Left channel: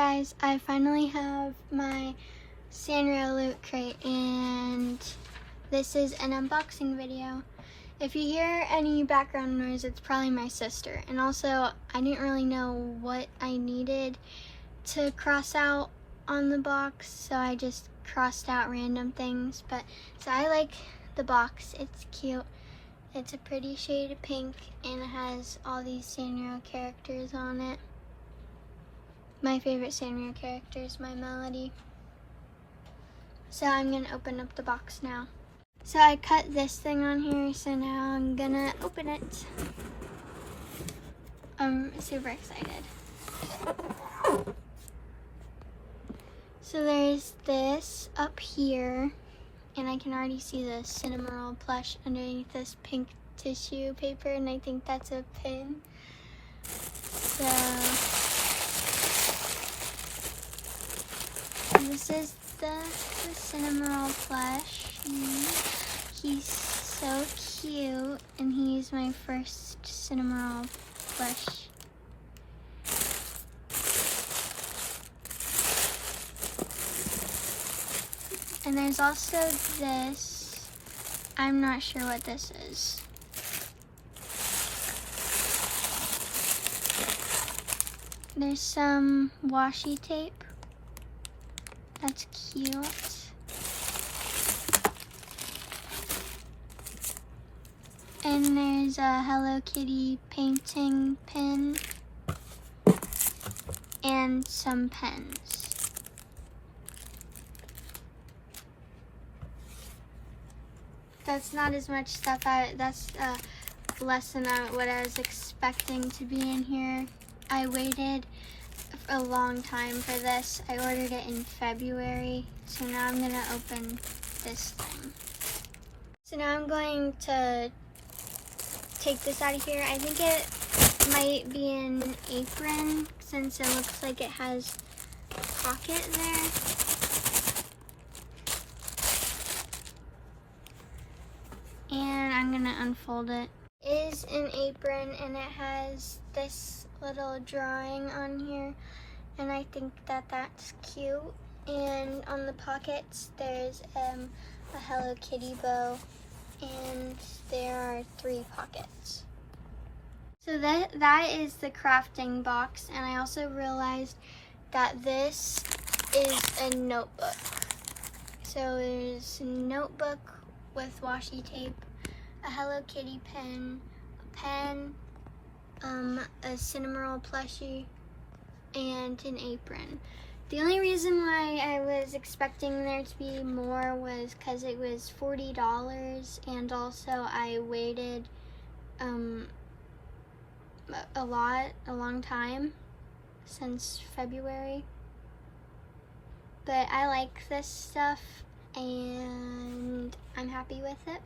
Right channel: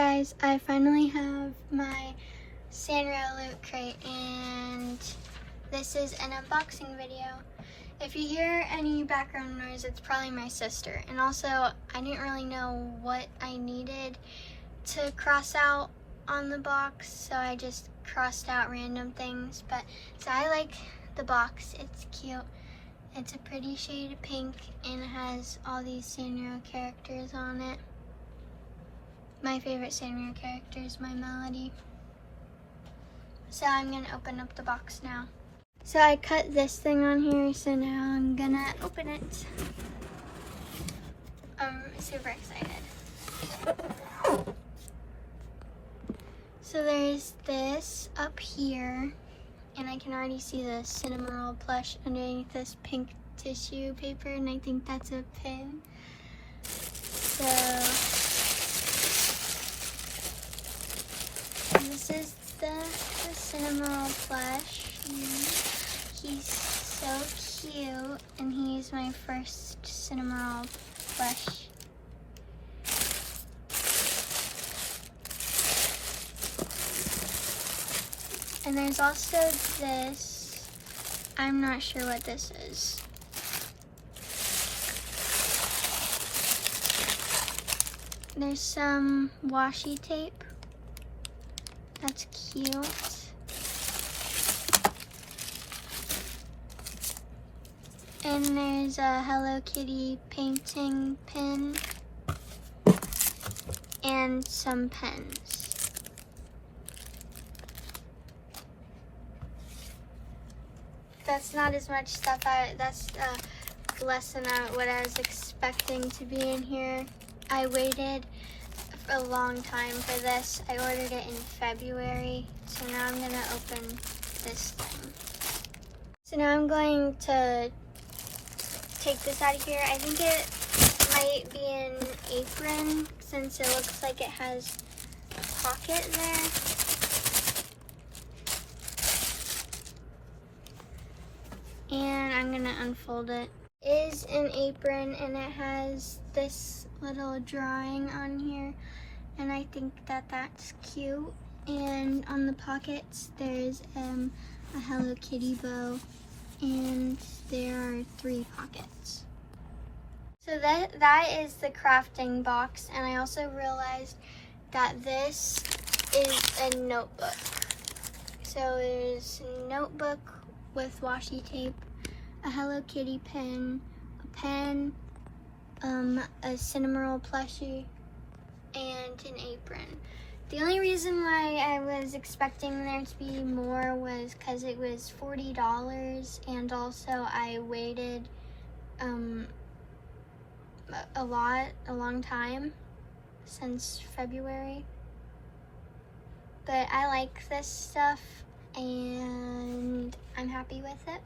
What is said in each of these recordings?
guys, I finally have my Sanrio loot crate and this is an unboxing video. If you hear any background noise, it's probably my sister. And also, I didn't really know what I needed to cross out on the box, so I just crossed out random things. So I like the box, it's cute. It's a pretty shade of pink and it has all these Sanrio characters on it. My favorite Sanrio character is my Melody. So I'm gonna open up the box now. So I cut this thing on here, so now I'm gonna open it. I'm super excited. So there's this up here, and I can already see the cinnamon roll plush underneath this pink tissue paper, and I think that's a pin. So this is the cinnamon roll plush. He's so cute, and he's my first cinnamon roll plush. And there's also this. I'm not sure what this is. There's some washi tape. That's cute. And there's a Hello Kitty painting pin and some pens. That's not as much stuff. That's less than what I was expecting to be in here. I waited a long time for this. I ordered it in February, so now I'm gonna open this thing. So now I'm going to take this out of here. I think it might be an apron since it looks like it has a pocket there. And I'm gonna unfold it. It is an apron and it has this little drawing on here, and I think that that's cute. And on the pockets there's a Hello Kitty bow, and there are 3 pockets. So that is the crafting box, and I also realized that this is a notebook. So there's a notebook with washi tape, a Hello Kitty pen, a pen, a cinnamon roll plushie, and an apron. The only reason why I was expecting there to be more was because it was $40, and also I waited a long time since February. But I like this stuff and I'm happy with it.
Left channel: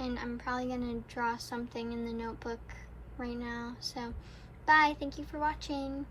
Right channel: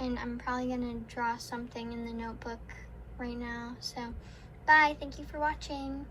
And I'm probably gonna draw something in the notebook right now. So bye, thank you for watching.